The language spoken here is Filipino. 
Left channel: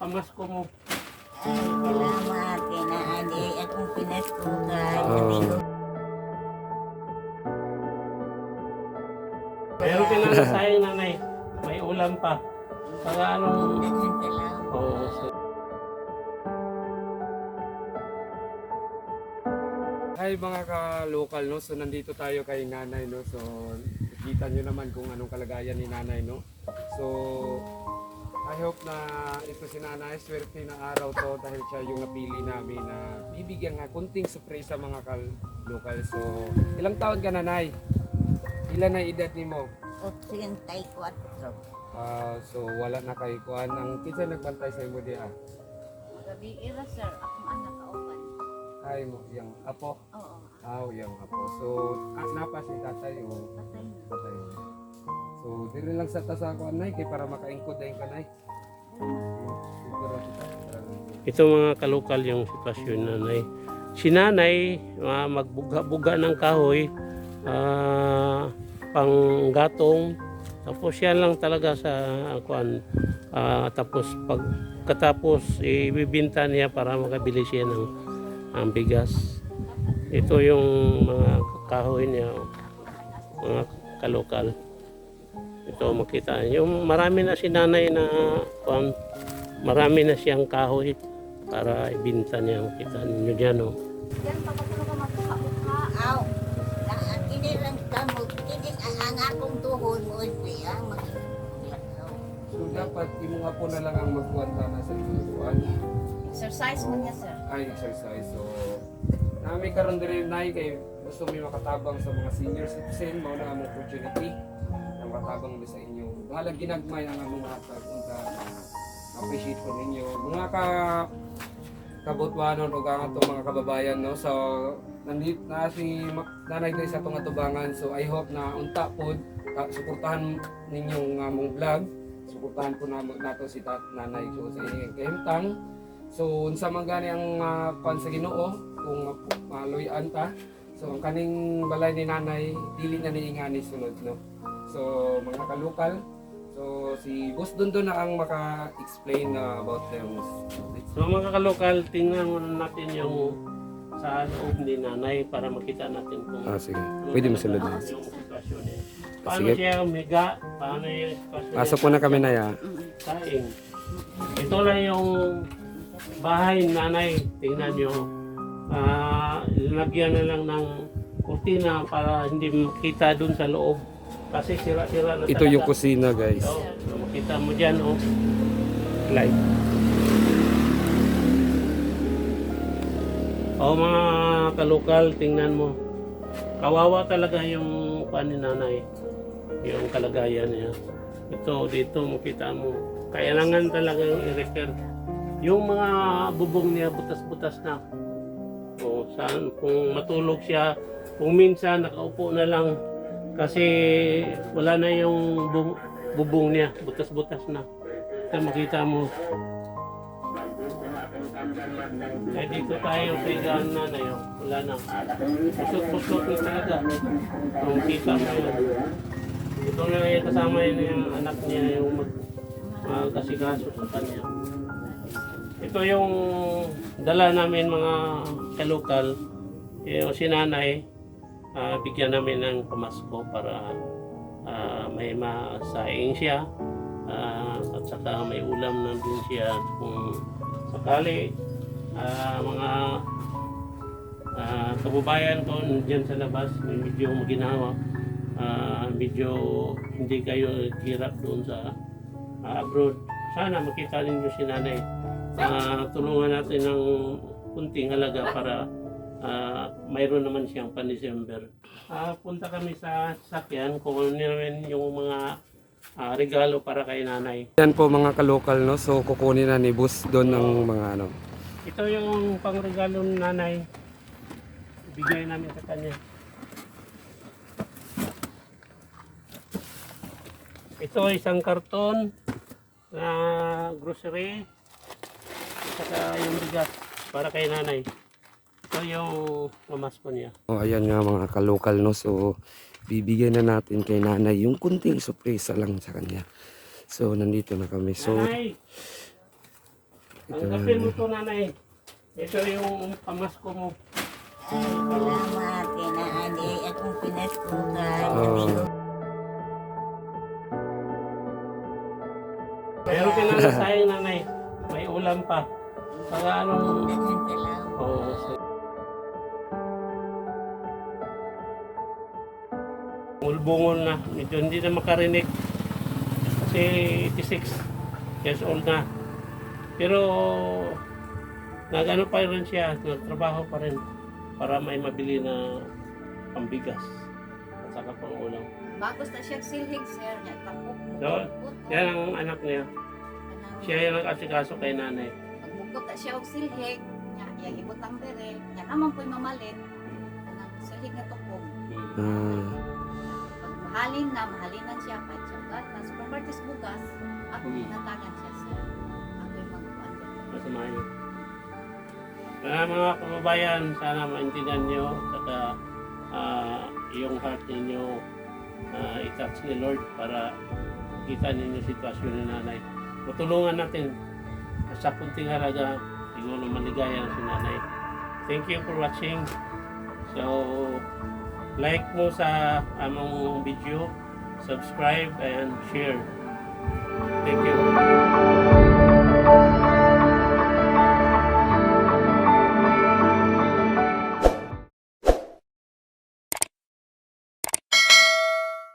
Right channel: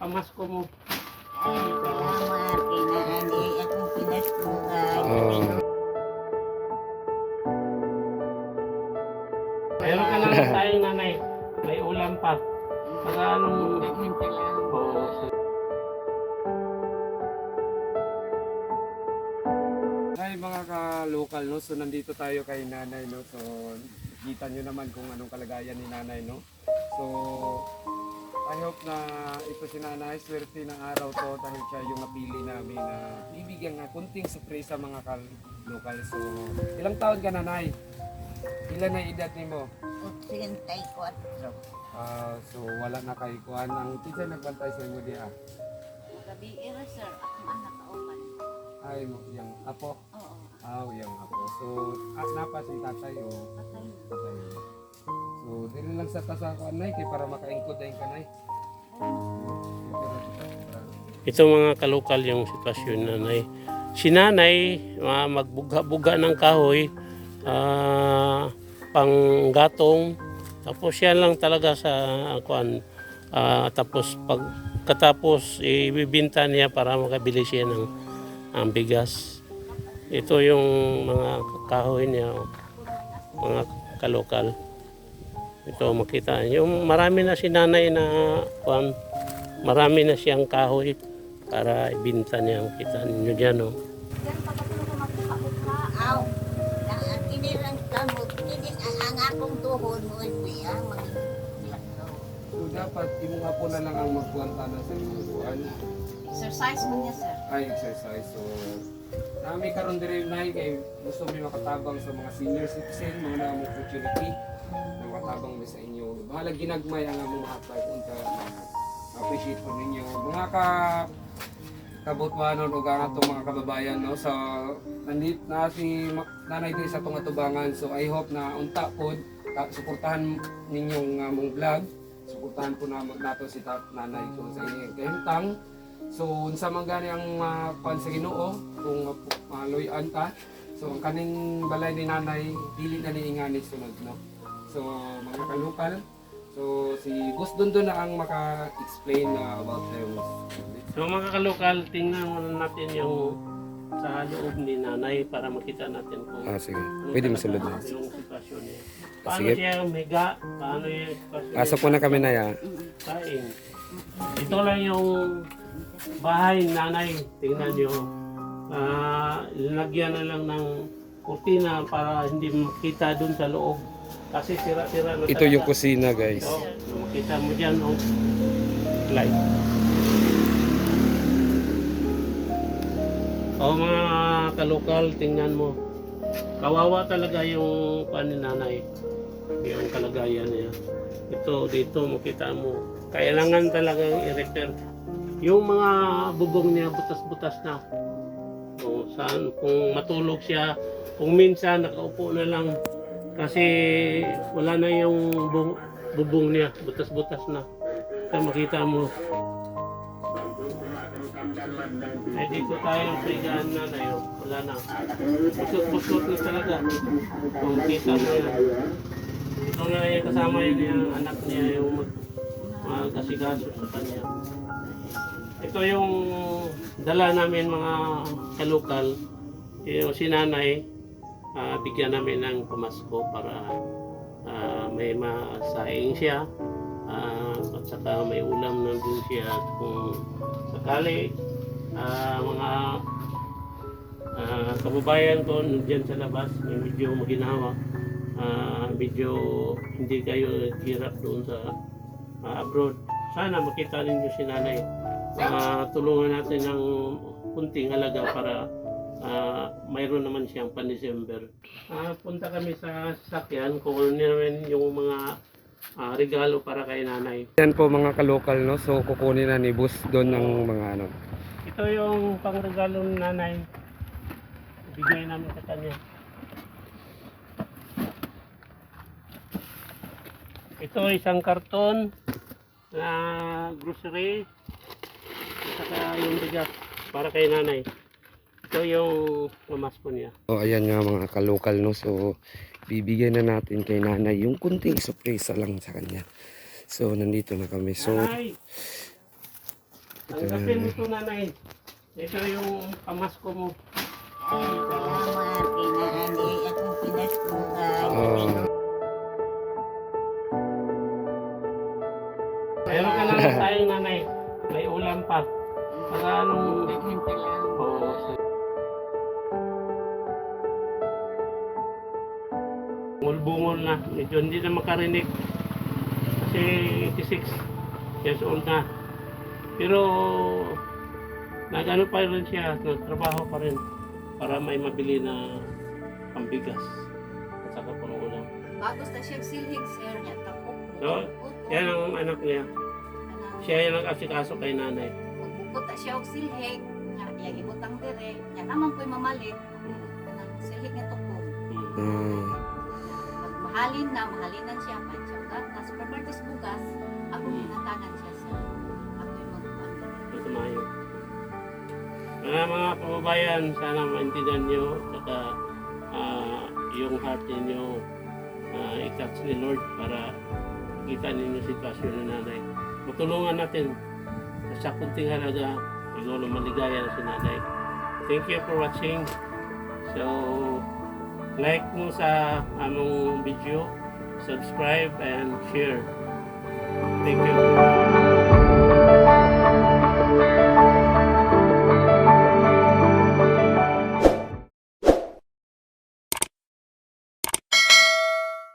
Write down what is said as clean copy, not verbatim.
pamasko mo. Ay, salamat. Kinaani akong pinaskuhan. Oh. Mayroon ka lang sayang nanay. May ulam pa. Saka anong... Daghang salamat. Oo. Hi mga ka-local, no? So nandito tayo kay nanay, no? So kita nyo naman kung anong kalagayan ni nanay, no? So I hope na ito si nanay, swerte na araw to dahil siya yung napili namin na bibigyan nga kunting surprise sa mga ka-local. So ilang taon ka nanay? Ilan na edad mo? 84. So wala na kay kuan ang kinsa nagbantay sa imo diha. Gabi era sir, akong anak kauban. Ay mo yang apo. Oo. Yang apo. So napa si tatay o Patay na. tatay. So dili lang sa tasa kuan nay kay para makaingkod dayon kanay. Ito mga kalokal yung sitwasyon nanay. Si nanay magbuga-buga ng kahoy, panggatong, tapos yan lang talaga sa kuan. Tapos pagkatapos ibibinta niya para makabili siya ng ang bigas. Ito yung mga kahoy niya, mga kalokal. Ito makita yung marami na si nanay na kuan, marami na siyang kahoy para ibinta niya. Makita ninyo diyan, no. Aw. Kini lang kamo, kini ang akong tuhod mo ulpi, So dapat imo nga po na lang ang magkuwanta na sa kuan. Exercise mo niya sir. Ay exercise. So nami karon diri nay kay gusto mi makatabang sa mga senior citizen, mga na opportunity na makatabang mi sa inyo. Bahala ginagmay ang among hatag unta na appreciate ko ninyo. Mga kabutwanon ug ang atong mga kababayan, no. So nandito na si nanay diri sa atong atubangan. So I hope na unta pod suportahan ninyong among vlog. Suportahan po nato si nanay ko sa inyong kahimtang. So unsa man gani ang kuan sa Ginoo kung maluy-an ta. So ang kaning balay ni nanay dili na niingani sunod, no. So mga kalokal, so si Boss Dondon na ang maka-explain about them. So mga kalokal, tingnan muna natin yung sa loob ni nanay para makita natin kung Sige. Pwede mo sulod. yung sitwasyon niya. Paano Sige. siya umiga, paano yung sitwasyon Pasok mo na kami na ya. kain. Ito lang yung bahay ni nanay. Tingnan nyo. Lagyan na lang ng kurtina para hindi makita dun sa loob. Kasi sira-sira na Ito yung kusina, guys. So, makita mo dyan, oh. Light. Mga kalokal, tingnan mo. Kawawa talaga yung paan ni nanay. Yung kalagayan niya. Ito, dito, makita mo. Kailangan talagang i-repair. Yung mga bubong niya, butas-butas na. Saan, kung matulog siya, kung minsan nakaupo na lang, kasi wala na yung bubong niya, butas-butas na. Ito makita mo. Ay dito tayo sa higaan na yun. Wala na. Pusot-pusot na talaga. Kung kita mo na. Ito na lang yung kasama yung anak niya, yung magkasikaso sa kanya. Ito yung dala namin mga kalokal. Yung si nanay, bigyan namin ng pamasko para may masaing siya. At saka may ulam na din siya kung sakali mga kababayan ko dyan sa labas may medyo maginawa, medyo hindi kayo hirap doon sa abroad. Sana makita ninyo si nanay. Tulungan natin ng kunting halaga para mayroon naman siyang pan-December. Punta kami sa sasakyan, kukunin namin yung mga regalo para kay nanay. Yan po mga kalokal, no. So kukunin na ni Boss doon ng mga ano. Ito yung pangregalo ni nanay. Ibigay namin sa kanya. Ito isang karton na grocery. Saka yung bigas para kay nanay. Ito yung pamasko niya. Ayan nga mga kalokal, no. So bibigyan na natin kay nanay yung kunting surprise lang sa kanya. So nandito na kami. So Nanay! Ito Tanggapin mo nanay. to nanay. Ito yung pamasko mo. Ay, salamat. Kinaani akong pinaskuhan. Oo. Meron ka lang sayang nanay. May ulam pa. Saka anong... Daghang salamat. Oo. Bungol na. Medyo hindi na makarinig. Kasi 86 years old na. Pero nagano pa rin siya. Nagtrabaho pa rin. Para may mabili na pambigas. At saka pang ulam. Bago sa siya silhig, sir, nga tapok mo. So, yan ang anak niya. Siya yung nag-asikaso kay nanay. Magbukot na siya og silhig, nga iyang ibutang dire, nga naman ko'y mamalit, kanang silhig nga tukong. Ah, Pag mahalinan siya, kahit siya gatas, properties bugas, ako hinatangan siya sir. Ako'y mag-ano. Mas mayo. Kaya mga kababayan, sana maintindihan nyo, saka yung heart ninyo i-touch ni Lord para kita ninyo yung sitwasyon ni nanay. Matulungan natin sa kunting halaga, siguro maligaya si nanay. Thank you for watching. So, like mo sa among video, subscribe and share. Thank you.